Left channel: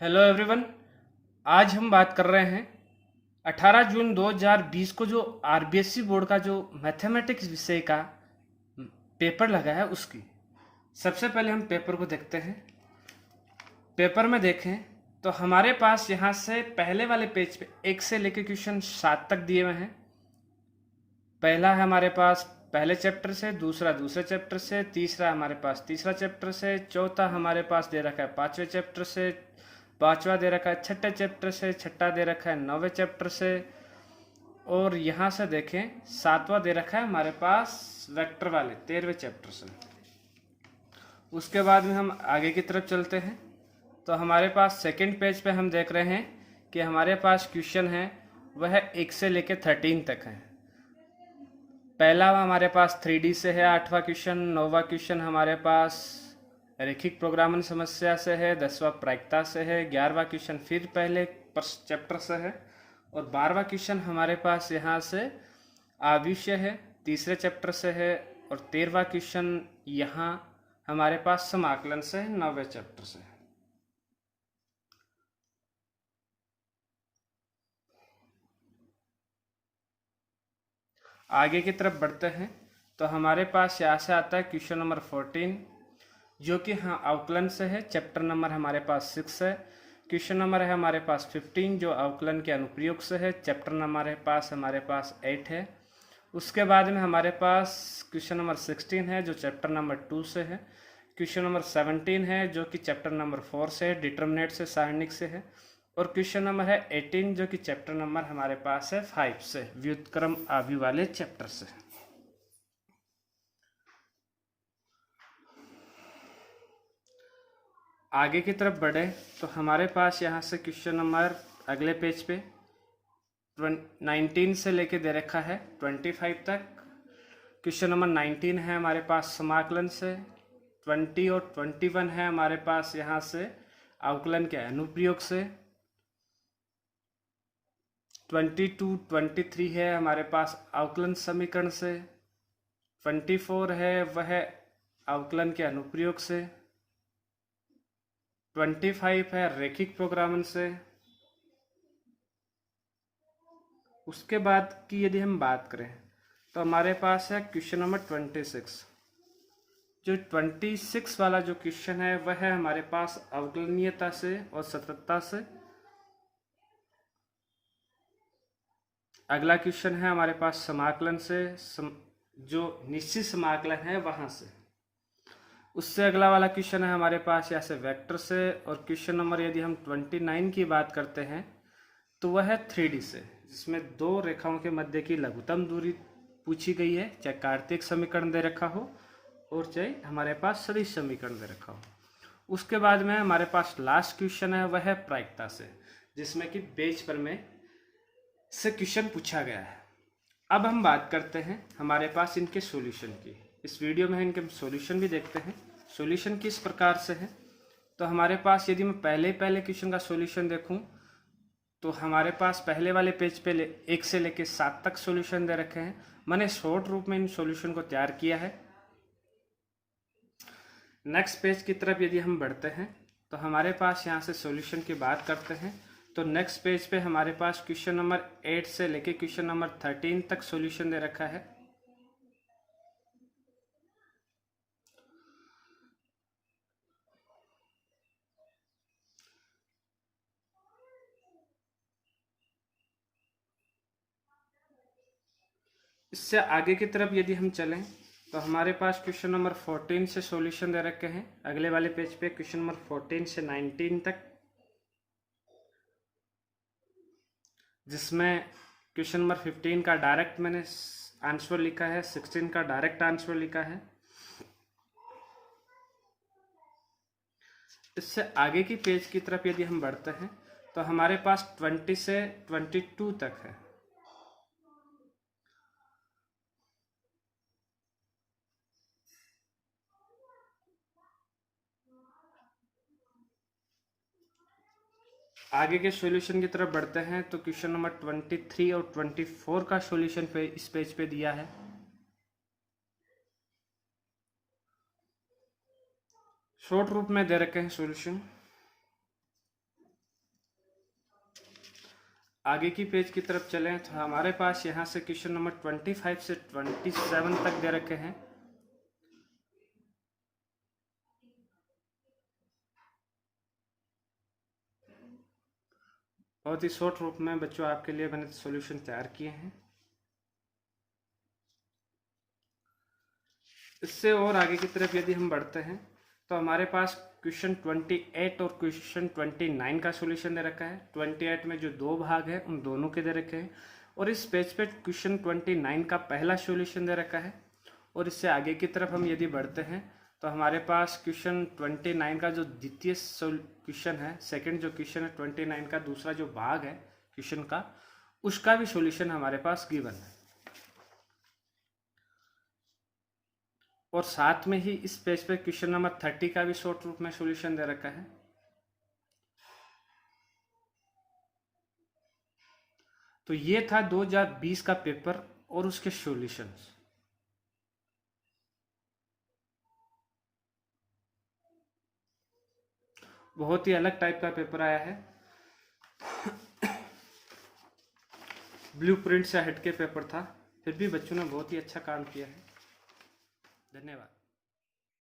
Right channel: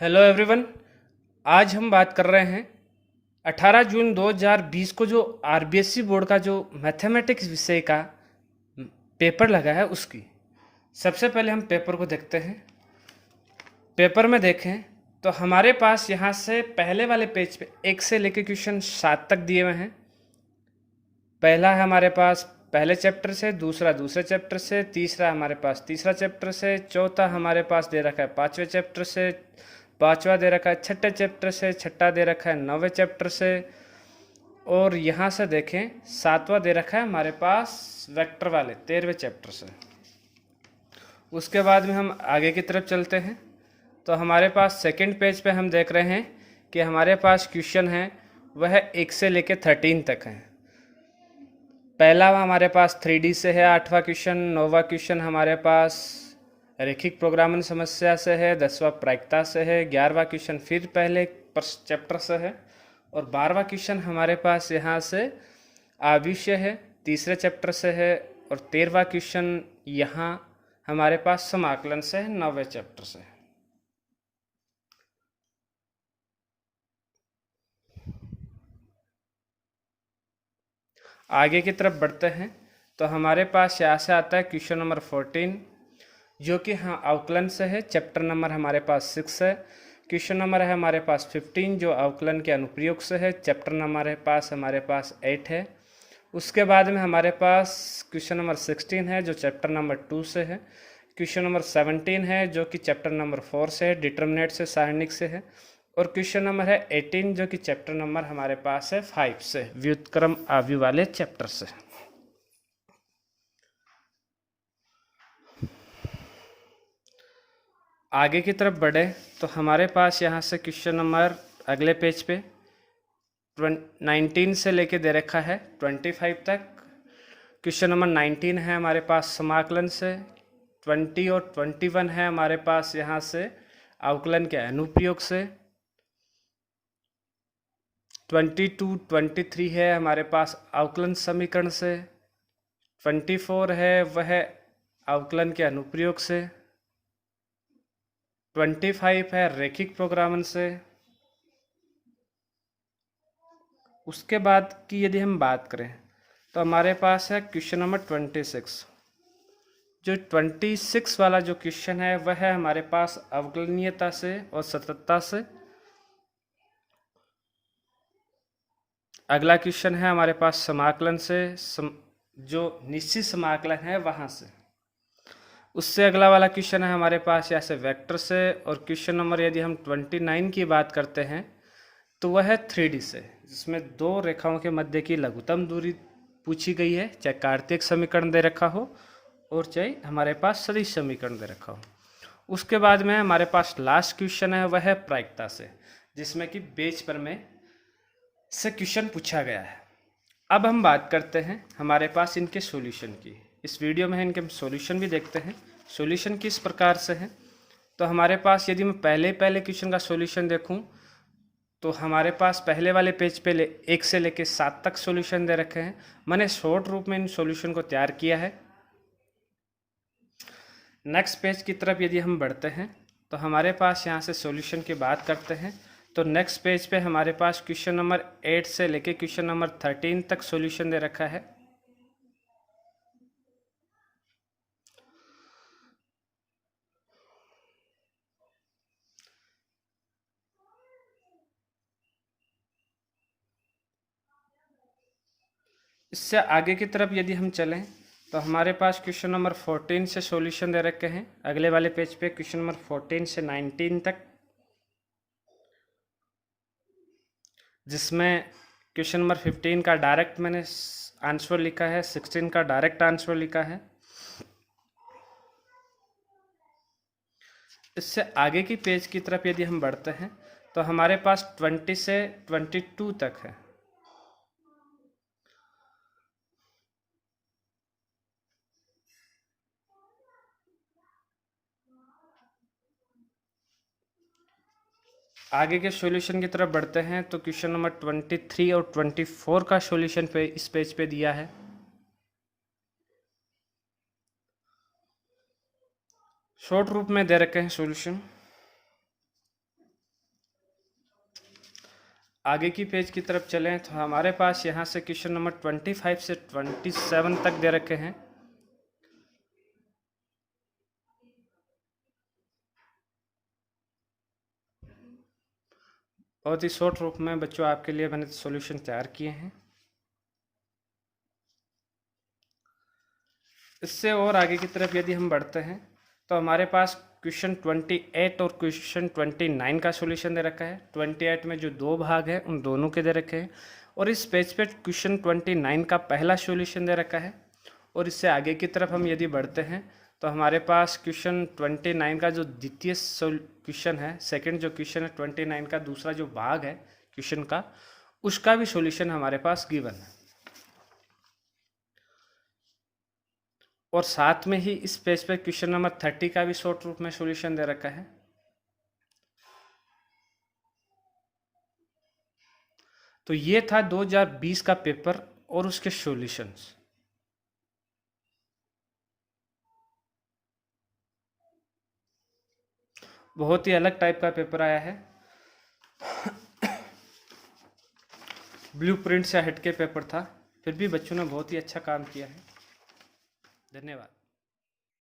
Hello everyone. आज हम बात कर रहे हैं 18 जून 2020 को जो आरबीएसई बोर्ड का जो मैथमेटिक्स विषय का पेपर लगा है उसकी। सबसे पहले हम पेपर को देखते हैं। पेपर में देखें तो हमारे पास यहाँ से पहले वाले पेज पे 1 से लेकर क्वेश्चन 7 तक दिए हुए हैं। पहला है हमारे पास पहले चैप्टर से, दूसरा दूसरे चैप्टर से, तीसरा हमारे पास तीसरा चैप्टर से, चौथा हमारे पास दे रखा है 5वें चैप्टर से, पांचवा दे रखा है 6ठे चैप्टर से, छठा दे रखा है 9वें चैप्टर से, और यहाँ से देखें 7वां दे रखा है हमारे पास वेक्टर वाले 13वें चैप्टर से। उसके बाद में हम आगे की तरफ चलते हैं तो हमारे पास सेकंड पेज पे हम देख रहे हैं कि हमारे पास क्वेश्चन है वह 1 से लेकर 13 तक है। पहला हमारे पास 3D से है 8वां क्वेश्चन, 9वां क्वेश्चन हमारे पास रैखिक प्रोग्रामिंग समस्या से है, 10वां प्रायिकता से है, 11वां क्वेश्चन फिर पहले चैप्टर से है, और 12वां क्वेश्चन हमारे पास यहाँ से आविष्य है तीसरे चैप्टर से है, और 13वां क्वेश्चन यहाँ हमारे पास समाकलन से है 9वें चैप्टर से है। आगे की तरफ बढ़ते हैं तो हमारे पास यहाँ से आता है क्वेश्चन नंबर 14 जो कि हाँ अवकलन से है। चैप्टर नंबर हमारे पास 6 है। क्वेश्चन नंबर है हमारे पास 15 जो अवकलन के अनुप्रयोग से है। चैप्टर नंबर हमारे पास 8 है। उसके बाद में हमारे पास क्वेश्चन नंबर 16 है जो चैप्टर नंबर 2 से है। क्वेश्चन नंबर 17 है जो कि चैप्टर नंबर 4 से है, डिटर्मिनेट से, सारणिक से है। और क्वेश्चन नंबर है 18 जो कि चैप्टर नंबर हमारे पास है 5 से, व्युत्क्रम आव्यूह वाले चैप्टर से। आगे की तरफ बढ़े तो हमारे पास यहाँ से क्वेश्चन नंबर अगले पेज पे 19 से लेके दे रखा है 25 तक। क्वेश्चन नंबर 19 है हमारे पास समाकलन से, 20 और 21 है हमारे पास यहाँ से अवकलन के अनुप्रयोग से, 22 23 है हमारे पास अवकलन समीकरण से, 24 है वह अवकलन के अनुप्रयोग से, 25 है रैखिक प्रोग्रामन से। उसके बाद की यदि हम बात करें तो हमारे पास है क्वेश्चन नंबर 26। जो 26 वाला जो क्वेश्चन है वह है हमारे पास अवकलनीयता से और सततता से। अगला क्वेश्चन है हमारे पास समाकलन से, जो निश्चित समाकलन है वहां से। उससे अगला वाला क्वेश्चन है हमारे पास यहाँ से वेक्टर से। और क्वेश्चन नंबर यदि हम 29 की बात करते हैं तो वह है 3D से, जिसमें दो रेखाओं के मध्य की लघुत्तम दूरी पूछी गई है, चाहे कार्तीय समीकरण दे रखा हो और चाहे हमारे पास सदिश समीकरण दे रखा हो। उसके बाद में हमारे पास लास्ट क्वेश्चन है वह है प्रायिकता से, जिसमें कि पेज पर में से क्वेश्चन पूछा गया है। अब हम बात करते हैं हमारे पास इनके सॉल्यूशन की। इस वीडियो में इनके सॉल्यूशन भी देखते हैं। सॉल्यूशन किस प्रकार से है तो हमारे पास यदि मैं पहले क्वेश्चन का सॉल्यूशन देखूं तो हमारे पास पहले वाले पेज पे 1 से लेके 7 तक सॉल्यूशन दे रखे हैं। मैंने शॉर्ट रूप में इन सॉल्यूशन को तैयार किया है। नेक्स्ट पेज की तरफ यदि हम बढ़ते हैं तो हमारे पास यहाँ से सॉल्यूशन की बात करते हैं तो नेक्स्ट पेज पे हमारे पास क्वेश्चन नंबर 8 से लेके क्वेश्चन नंबर 13 तक सॉल्यूशन दे रखा है। इससे आगे की तरफ यदि हम चलें तो हमारे पास क्वेश्चन नंबर 14 से सॉल्यूशन दे रखे हैं। अगले वाले पेज पे क्वेश्चन नंबर 14 से 19 तक, जिसमें क्वेश्चन नंबर 15 का डायरेक्ट मैंने आंसर लिखा है, 16 का डायरेक्ट आंसर लिखा है। इससे आगे की पेज की तरफ यदि हम बढ़ते हैं तो हमारे पास 20 से 22 तक है। आगे के सॉल्यूशन की तरफ बढ़ते हैं तो क्वेश्चन नंबर 23 और 24 का सॉल्यूशन पे इस पेज पे दिया है। शॉर्ट रूप में दे रखे हैं सॉल्यूशन। आगे की पेज की तरफ चलें तो हमारे पास यहाँ से क्वेश्चन नंबर 25 से 27 तक दे रखे हैं। बहुत ही शॉर्ट रूप में बच्चों आपके लिए मैंने सॉल्यूशन तैयार किए हैं। इससे और आगे की तरफ यदि हम बढ़ते हैं तो हमारे पास क्वेश्चन 28 और क्वेश्चन 29 का सॉल्यूशन दे रखा है। 28 में जो दो भाग है उन दोनों के दे रखे हैं और इस पेज पे क्वेश्चन 29 का पहला सॉल्यूशन दे रखा है। और इससे आगे की तरफ हम यदि बढ़ते हैं तो हमारे पास क्वेश्चन 29 का जो द्वितीय क्वेश्चन है, सेकंड जो क्वेश्चन है 29 का दूसरा जो भाग है क्वेश्चन का, उसका भी सॉल्यूशन हमारे पास गिवन है। और साथ में ही इस पेज पे क्वेश्चन नंबर 30 का भी शॉर्ट रूप में सॉल्यूशन दे रखा है। तो ये था 2020 का पेपर और उसके सॉल्यूशंस। बहुत ही अलग टाइप का पेपर आया है, ब्लूप्रिंट से हटके पेपर था, फिर भी बच्चों ने बहुत ही अच्छा काम किया है। धन्यवाद।